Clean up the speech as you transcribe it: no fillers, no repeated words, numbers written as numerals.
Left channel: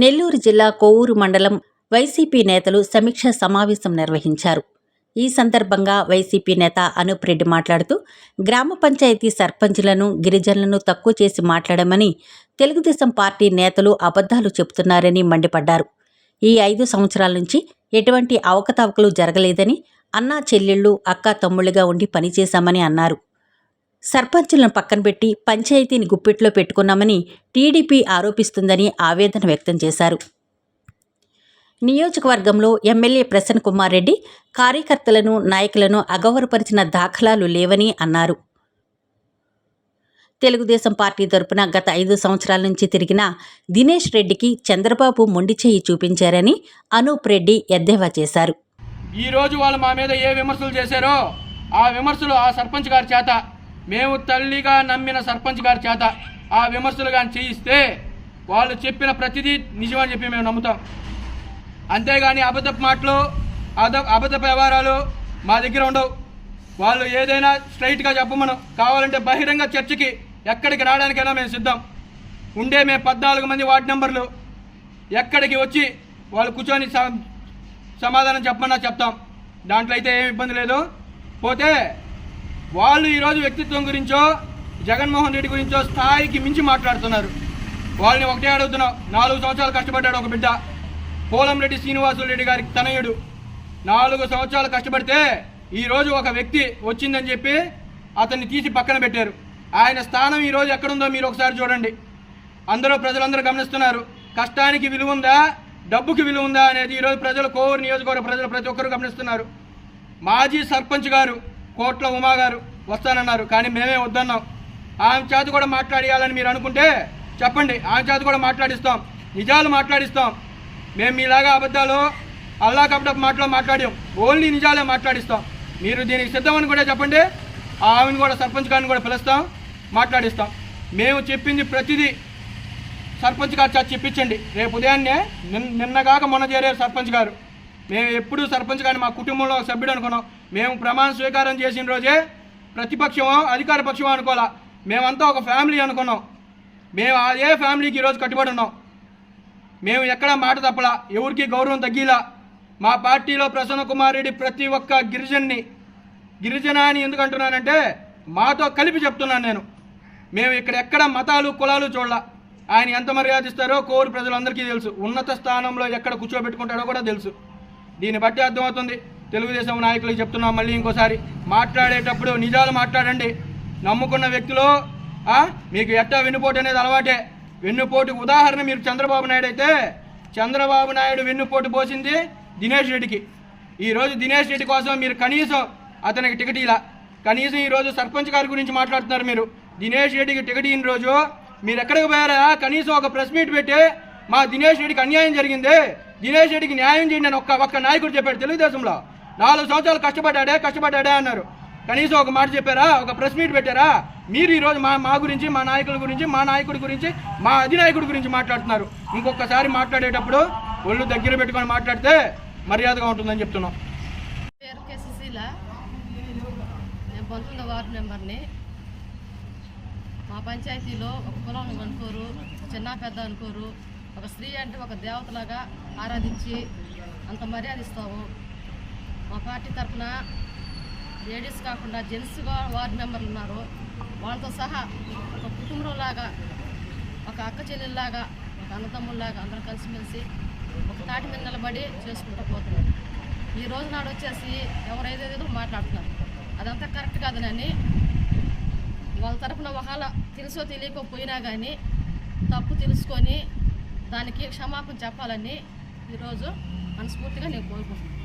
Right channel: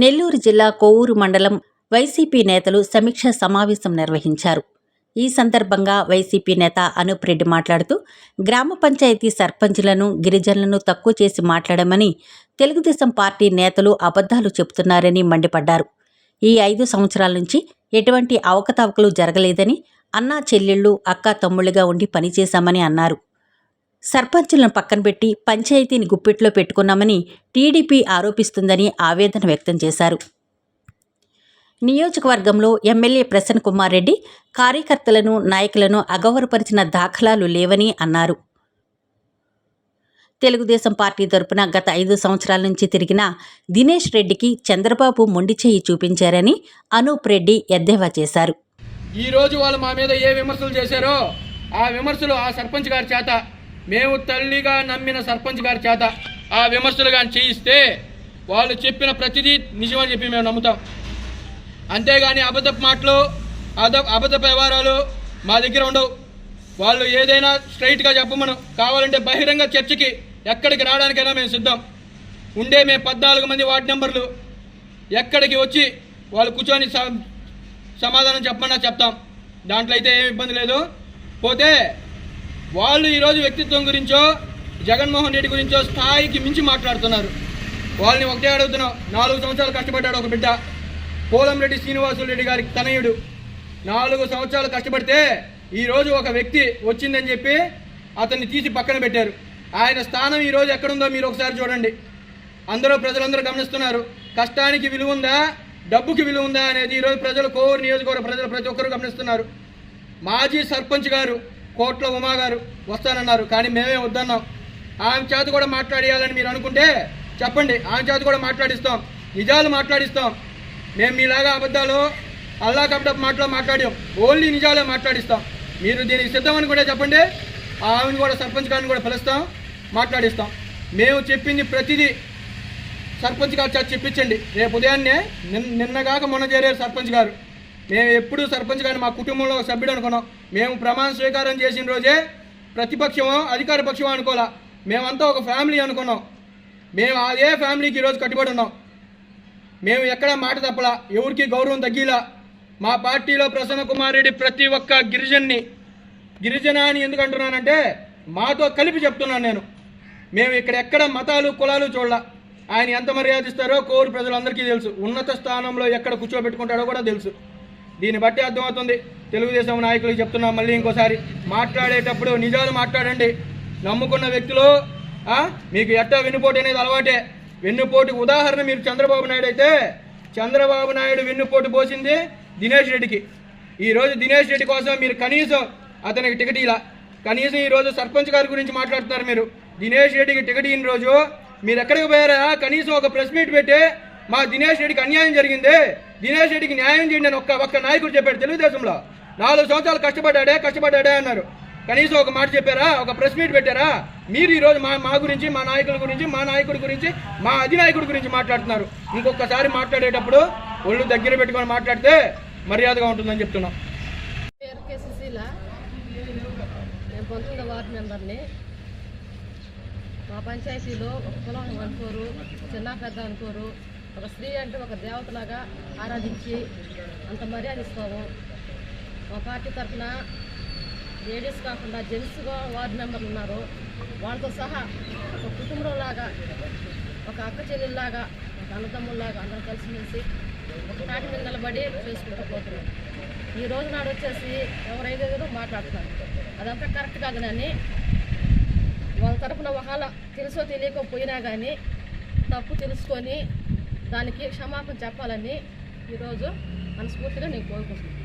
నెల్లూరు జిల్లా కొవ్వూరు మండలం వైసీపీ నేతలు సమీక్షా సమావేశం నిర్వహించారు. ఈ సందర్భంగా వైసీపీ నేత అనూప్ రెడ్డి మాట్లాడుతూ గ్రామ పంచాయతీ సర్పంచ్లను, గిరిజనులను తక్కువ చేసి మాట్లాడమని తెలుగుదేశం పార్టీ నేతలు అబద్ధాలు చెబుతున్నారని మండిపడ్డారు. ఈ 5 సంవత్సరాల నుంచి ఎటువంటి అవకతవకలు జరగలేదని, అన్నా చెల్లెళ్ళు, అక్కా తమ్ముళ్లుగా ఉండి పనిచేశామని అన్నారు. సర్పంచులను పక్కనబెట్టి పంచాయతీని గుప్పిట్లో పెట్టుకున్నామని టీడీపీ ఆరోపిస్తుందని ఆవేదన వ్యక్తం చేశారు. నియోజకవర్గంలో ఎమ్మెల్యే ప్రసన్న కుమార్ రెడ్డి కార్యకర్తలను, నాయకులను అగౌరవపరిచిన దాఖలాలు లేవని అన్నారు. తెలుగుదేశం పార్టీ తరపున గత 5 సంవత్సరాల నుంచి తిరిగిన దినేష్ రెడ్డికి చంద్రబాబు మొండి చేయి చూపించారని అనూప్ రెడ్డి ఎద్దేవా చేశారు. ఈ రోజు వాళ్ళు మా మీద ఏ విమర్శలు చేశారో ఆ విమర్శలు ఆ సర్పంచ్ గారి చేత, మేము తల్లిగా నమ్మిన సర్పంచ్ గారి చేత ఆ విమర్శలు కానీ చేయిస్తే వాళ్ళు చెప్పిన ప్రతిదీ నిజమని చెప్పి మేము నమ్ముతాం. అంతేగాని అబద్ధపు మాటలు, అబద్ధపు వ్యవహారాలు మా దగ్గర ఉండవు. వాళ్ళు ఏదైనా స్ట్రైట్గా చెప్పమను, కావాలంటే బహిరంగ చర్చకి ఎక్కడికి రావడానికైనా మేము సిద్ధం. మేము 14 మంది వార్డు నెంబర్లు ఎక్కడికి వచ్చి వాళ్ళు కూర్చొని సమాధానం చెప్పమన్నా చెప్తాం. దాంట్లో అయితే ఏమి ఇబ్బంది లేదు. పోతే వాళ్ళు ఈరోజు వ్యక్తిత్వం గురించో, జగన్మోహన్ రెడ్డి గురించో స్థాయికి మించి మాట్లాడుతున్నారు. వాళ్ళని ఒకటే అడుగుతున్నాం. 4 సంవత్సరాలు కష్టపడ్డాడు ఒక బిడ్డ, పోలంరెడ్డి శ్రీనివాసులు రెడ్డి గారికి తనయుడు. 4 సంవత్సరాలు కష్టపడితే ఈరోజు ఒక వ్యక్తి వచ్చిందని చెప్పి అతన్ని తీసి పక్కన పెట్టారు. ఆయన స్థానం ఈరోజు ఎక్కడుందో మీరు ఒకసారి చూడండి. ప్రజలందరూ గమనిస్తున్నారు. కష్టానికి విలువ ఉందా, డబ్బుకి విలువ ఉందా అనేది ఈరోజు ప్రజలు, కోవూరు నియోజకవర్గ ప్రజలు ప్రతి ఒక్కరు గమనిస్తున్నారు. మాజీ సర్పంచ్ గారు కోట్ల ఉమా గారు వస్తానన్నారు, కానీ మేమే వద్దన్నాం. ఆమె చేత కూడా మాట్లాడియాలని మీరు అనుకుంటే చెప్పండి, ఆమె చేత కూడా మాట్లాడిస్తాం, నిజాలు మాట్లాడిస్తాం. మేము మీలాగా అబద్ధాలు, అల్లా కపటపు మాటలు మాట్లాడాం, ఓన్లీ నిజాలే మాట్లాడిస్తాం. మీరు దీనికి సిద్ధమని కూడా చెప్పండి, ఆమెను కూడా సర్పంచ్ గారిని కూడా పిలుస్తాం, మాట్లాడిస్తాం. మేము చెప్పింది ప్రతిదీ సర్పంచ్ గారు చేత చెప్పించండి. రేపు ఉదయాన్నే నిన్నగాక మొన్న చేరారు సర్పంచ్ గారు. మేము ఎప్పుడూ సర్పంచ్ గారిని మా కుటుంబంలో ఒక సభ్యుడు అనుకున్నాం. మేము ప్రమాణ స్వీకారం చేసిన రోజే ప్రతిపక్షమో అధికార పక్షమో అనుకోవాలా, మేమంతా ఒక ఫ్యామిలీ అనుకున్నాం. మేము అదే ఫ్యామిలీకి ఈరోజు కట్టుబడి ఉన్నాం. మేము ఎక్కడా మాట తప్పలా, ఎవరికి గౌరవం తగ్గిలా. మా పార్టీలో ప్రసన్న కుమార్ రెడ్డి ప్రతి ఒక్క గిరిజన అని ఎందుకు అంటున్నానంటే మాతో కలిపి చెప్తున్నాను నేను. మేము ఇక్కడ ఎక్కడ మతాలు, కులాలు చూడాల. ఆయన ఎంత మర్యాద ఇస్తారో కోరు ప్రజలందరికీ తెలుసు. ఉన్నత స్థానంలో ఎక్కడ కూర్చోబెట్టుకుంటాడో కూడా తెలుసు. దీన్ని బట్టి అర్థమవుతుంది. తెలుగుదేశం నాయకులకు చెప్తున్నాం మళ్ళీ ఇంకోసారి, మాట్లాడేటప్పుడు నిజాలు మాట్లాడండి. నమ్ముకున్న వ్యక్తులు మీకు ఎట్టా వెన్నుపోటు అనేది అలవాటే. వెన్నుపోటు ఉదాహరణ మీరు చంద్రబాబు నాయుడు అయితే, చంద్రబాబు నాయుడు వెన్నుపోటు పోసింది దినేష్ రెడ్డికి. ఈరోజు దినేష్ రెడ్డి కోసం మీరు కనీసం అతనికి టికెట్ ఇలా, కనీసం ఈరోజు సర్పంచ్ గారి గురించి మాట్లాడుతున్నారు మీరు. దినేష్ రెడ్డికి టికెట్ ఇన్ని రోజు మీరు ఎక్కడికి పోయారా? కనీసం ఒక ప్రెస్ మీట్ పెట్టి మా దినేష్ రెడ్డికి అన్యాయం జరిగింది, దినేష్ రెడ్డికి న్యాయం చేయండి అని ఒక్క నాయకుడు చెప్పాడు తెలుగుదేశంలో. 4 సంవత్సరాలు కష్టపడ్డాడే అన్నారు. కనీసం ఒక మాట చెప్పారా? ఒక ప్రెస్ మీట్ పెట్టారా? మీరు ఈరోజు మా గురించి, మా నాయకుల గురించి, మా నాయకుడి గురించి, మా అధినాయకుడి గురించి మాట్లాడుతున్నారు. ఇంకొకసారి మాట్లాడేటప్పుడు ఒళ్ళు దగ్గర పెట్టుకొని మాట్లాడితే మర్యాదగా ఉంటుందని చెప్తున్నాం. నేను 19వ వార్డు మెంబర్ని. మా పంచాయతీలో ఒక కులం అనుకోరు, చిన్న పెద్ద అనుకోరు. ఒక స్త్రీ అంటే ఒక దేవతలాగా ఆరాధించి అంత మర్యాద ఇస్తాము. మా పార్టీ తరఫున లేడీస్ కాకుండా జెంట్స్ వార్డు మెంబర్లు ఉన్నారు. వాళ్ళతో సహా ఒక కుటుంబంలాగా, ఒక అక్క చెల్లెల్లాగా, ఒక అన్నదమ్ముల్లాగా అందరం కలిసిమెలిసి ఒక తాటి మీద నిలబడి చేసుకుంటూ పోతున్నాం. ఈ రోజు నాడు వచ్చేసి ఎవరైతే మాట్లాడుతున్నారు, అదంతా కరెక్ట్ కాదని వాళ్ళ తరఫున ఒకవేళ తెలుసో తెలియకపోయినా కానీ తప్పు తెలుసుకొని దానికి క్షమాపణ చెప్పాలని ఈరోజు మనస్ఫూర్తిగా నేను కోరుకుంటున్నాను.